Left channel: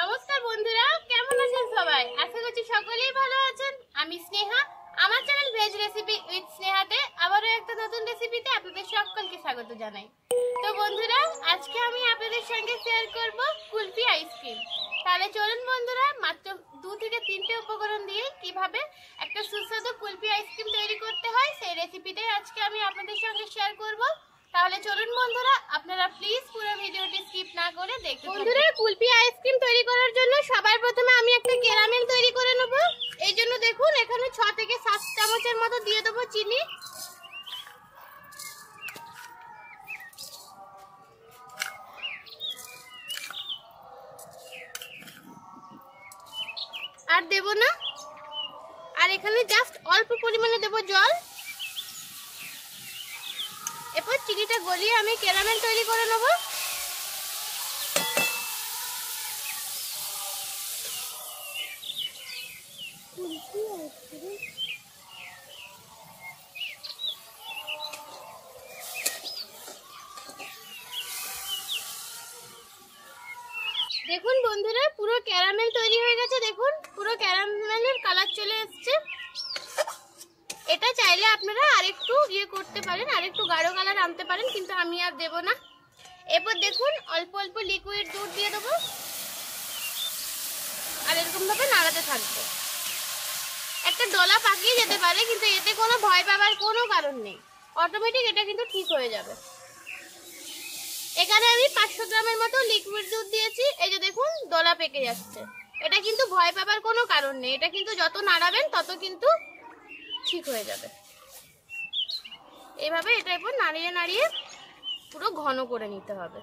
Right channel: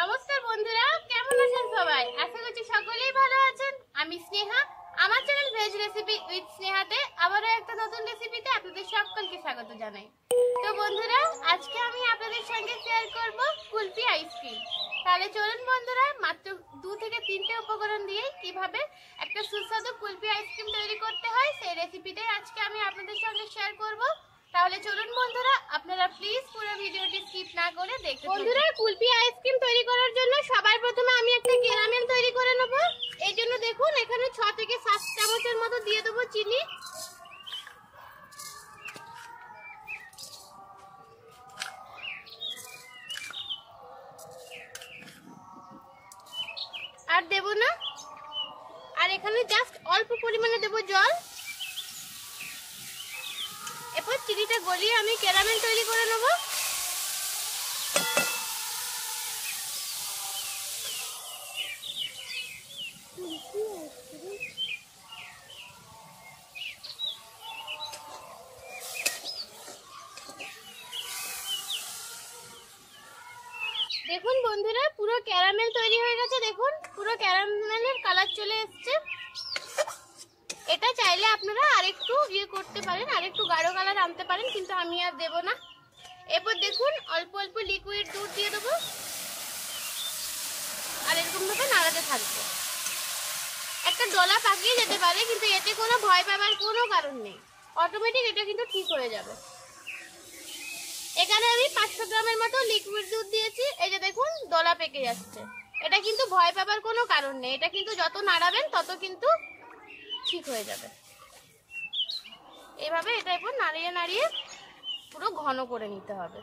নমস্কার বন্ধুরা, কেমন আছেন সবাই? আশা করছি সকলেই ভালো আছেন। আমি স্নেহা, আমার চ্যানেল ভেজ রেসিপি উইথ স্নেহাতে আবারও একটা নতুন রেসিপিতে আপনাদের সকলকে স্বাগত জানাই। তো বন্ধুরা, আজকে আমি আপনাদের সঙ্গে শেয়ার করব কুলফি আইসক্রিম। তাহলে চলুন বন্ধুরা, মাত্র 2 থেকে 3টে উপকরণ দিয়ে কিভাবে একটা সুস্বাদু কুলফি আইসক্রিম তৈরি করতে হয় সেই রেসিপিটাই আজকে আমি আপনাদের সঙ্গে শেয়ার করব। তাহলে চলুন বন্ধুরা, আপনারা প্লিজ পুরো ভিডিওটি স্কিপ না করে দেখতে থাকুন। বন্ধুরা, কুলফি আইসক্রিম তৈরি করার জন্য সবার প্রথমে আমি একটা ক্যারামেল তৈরি করে নেব। এই জন্য দেখুন এখানে 6 থেকে 7 চামচের মতো দিয়ে দেব চিনি। আর দেব না, আর এখানে জাস্ট অল্প পরিমাণে দেব জল। এরপর চিনিটা গলিয়ে আমি ক্যারামেল তৈরি করে নেব। দেখুন বন্ধুরা, পুরো ক্যারামেল তৈরি হয়ে গেছে। দেখুন পুরো ক্যারামেলের কালার চলে এসেছে। এটা চাইলে আপনারা আরেকটু করতে পারেন, আরেকটু গাঢ় কালার আনতে পারেন, কিন্তু আমি আর দেব না। এরপর দেখুন অল্প অল্প লিকুইড দুধ দিয়ে দেবো, আর এরকম ভাবে নাড়াতে থাকবো। একটা ডলা পাকিয়ে যেতে পারে, কিন্তু এতে কোনো ভয় পাবার কোনো কারণ নেই। অটোমেটিক এটা কিন্তু ঠিক হয়ে যাবে। এখানে আমি 500 গ্রামের মতো লিকুইড দুধ দিয়েছি। এই যে দেখুন ডলা পেকে যাচ্ছে। এটা কিন্তু ভয় পাবার কোনো কারণ নেই। এটা কিন্তু যত নাড়াবেন তত কিন্তু ঠিক হয়ে যাবে। এইভাবে এটার উপর নাড়িয়ে নাড়িয়ে পুরো ঘন করে নিতে হবে।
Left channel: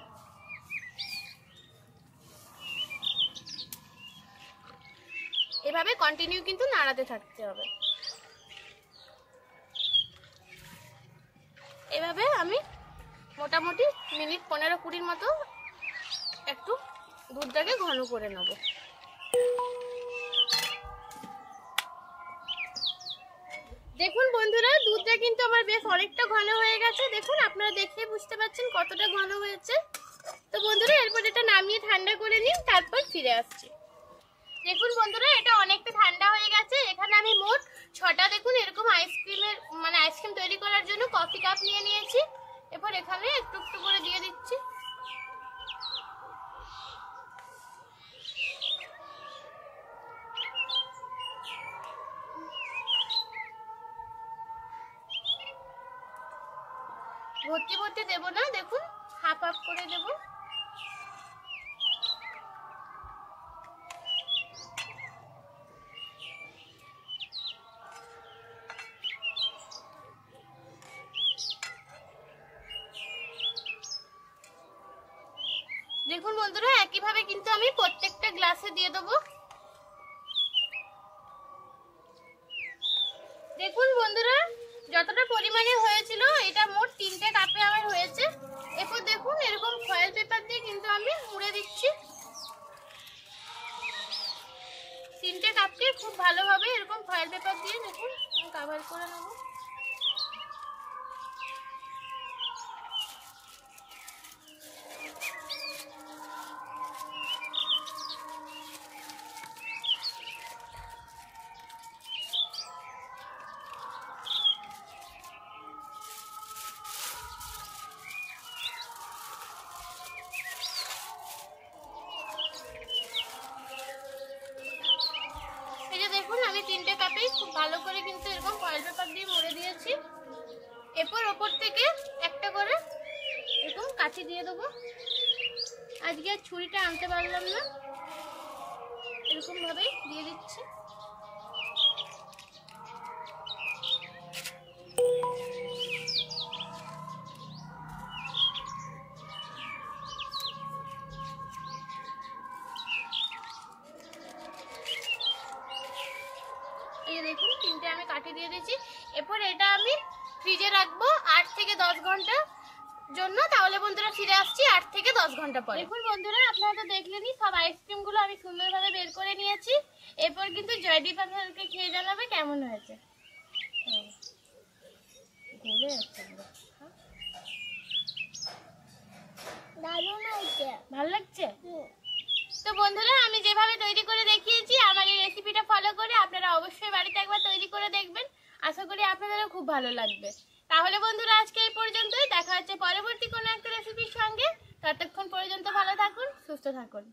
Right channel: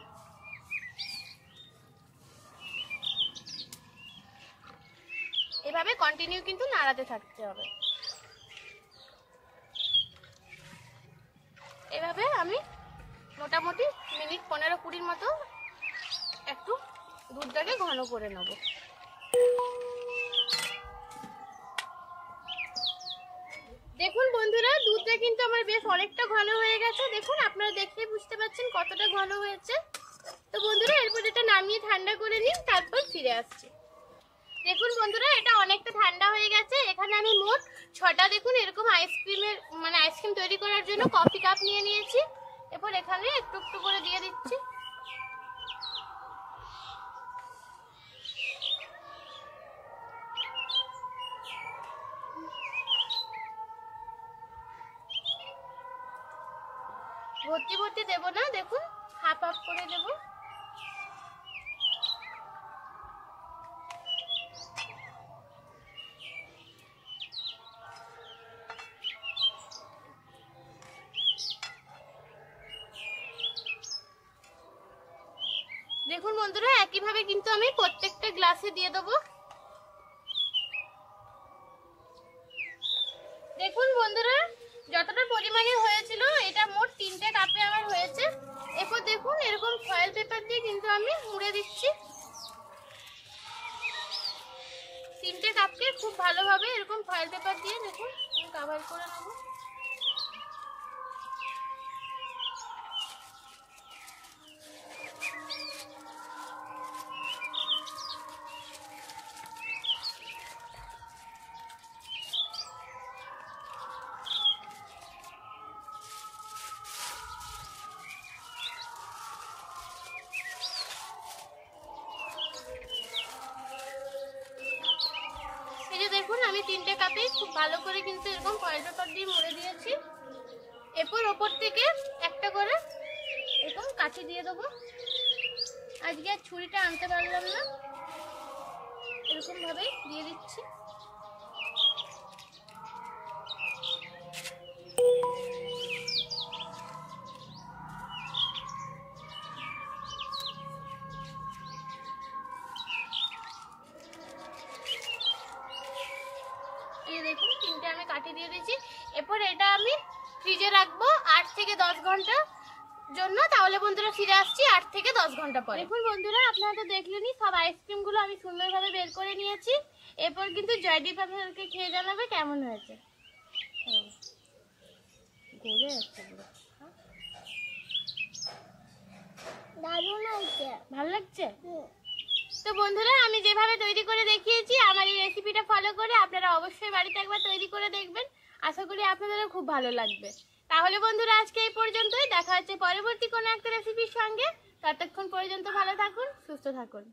এভাবে কন্টিনিউ কিন্তু নাড়াতে থাকতে হবে। এভাবে আমি মোটামুটি মিনিট 15-20 মতো একটু দুধটাকে ঘন করে নেব। দেখুন বন্ধুরা, দুধটা কিন্তু আমার বেশ অনেকটা ঘন হয়ে গেছে। দেখুন আপনারা দেখে বুঝতে পারছেন কতটা ঘন হয়েছে। তো বন্ধুরা, এরপর এটা নামিয়ে ঠান্ডা করে নিন, তারপর ফিরে আসছি। দেখুন বন্ধুরা, এটা অনেকটা ঠান্ডা হয়ে গেছে। এখানে আমি মোট 6টা দেখুন এরকম আইসক্রিম তৈরি করার জন্য কফি কাপ নিয়ে নিয়েছি। এরপর এখানে একটু একটু করে দিয়ে দিচ্ছি। ভর্তি ভর্তি দেব না, দেখুন হাফ হাফ করে দেব। দেখুন বন্ধুরা, একইভাবে কিন্তু আমি প্রত্যেকটা গ্লাসে দিয়ে দেবো। দেখুন বন্ধুরা, যতটা পরিমাণে হয়েছিল এটা মোট 3টে কাপে আমার হয়েছে। এরপর দেখুন এরকম ফয়েল পেপার দিয়ে কিন্তু আমি মুড়ে দিচ্ছি। 3টে কাপকে খুব ভালোভাবে এরকম ফয়েল পেপার দিয়ে দেখুন আমি কভার করে নেব। দেখুন আমি 3টে কাপেই খুব ভালো করে কিন্তু এরকম ফয়েল পেপার দিয়ে মুড়ে দিয়েছি। এরপর ওপর থেকে একটা করে এরকম কাঠি দিয়ে দেবো। আজকে আর ছুরিটা আনতে পারলাম না, এরকম ভাবে দিয়ে দিচ্ছি। এই দেখুন 3টে আমি কাটি দিয়ে দিয়েছি। এরপর এটা আমি ফ্রিজে রাখবো 8 থেকে 10 ঘন্টা জন্য। তাহলে বন্ধুরা ফিরে আসছি 8 থেকে 10 ঘন্টা পরে। দেখুন বন্ধুরা, আপনারা তো দেখলেনই সব আইসক্রিম গুলো আমি সুন্দরভাবে বের করে নিয়েছি। এরপর কিন্তু জয়দীপ আপনাদেরকে খেয়ে জানাবে কেমন হয়েছে। গলে যাচ্ছে পুরো। দারুণ হয়েছে, ভালো লাগছে। তো বন্ধুরা, আমি যেভাবে তৈরি করে দেখিয়েছি আমার এই রেসিপিটা ফলো করে আপনারা অবশ্যই বাড়িতে একবার তৈরি করে দেখবেন। আশা করি আপনাদেরও খুব ভালো লাগবে। তাহলে বন্ধুরা, আজকে এই পর্যন্তই। দেখা হচ্ছে পরবর্তী কোনো একটা রেসিপির সঙ্গে। ততক্ষণ পর্যন্ত ভালো থাকুন, সুস্থ থাকুন।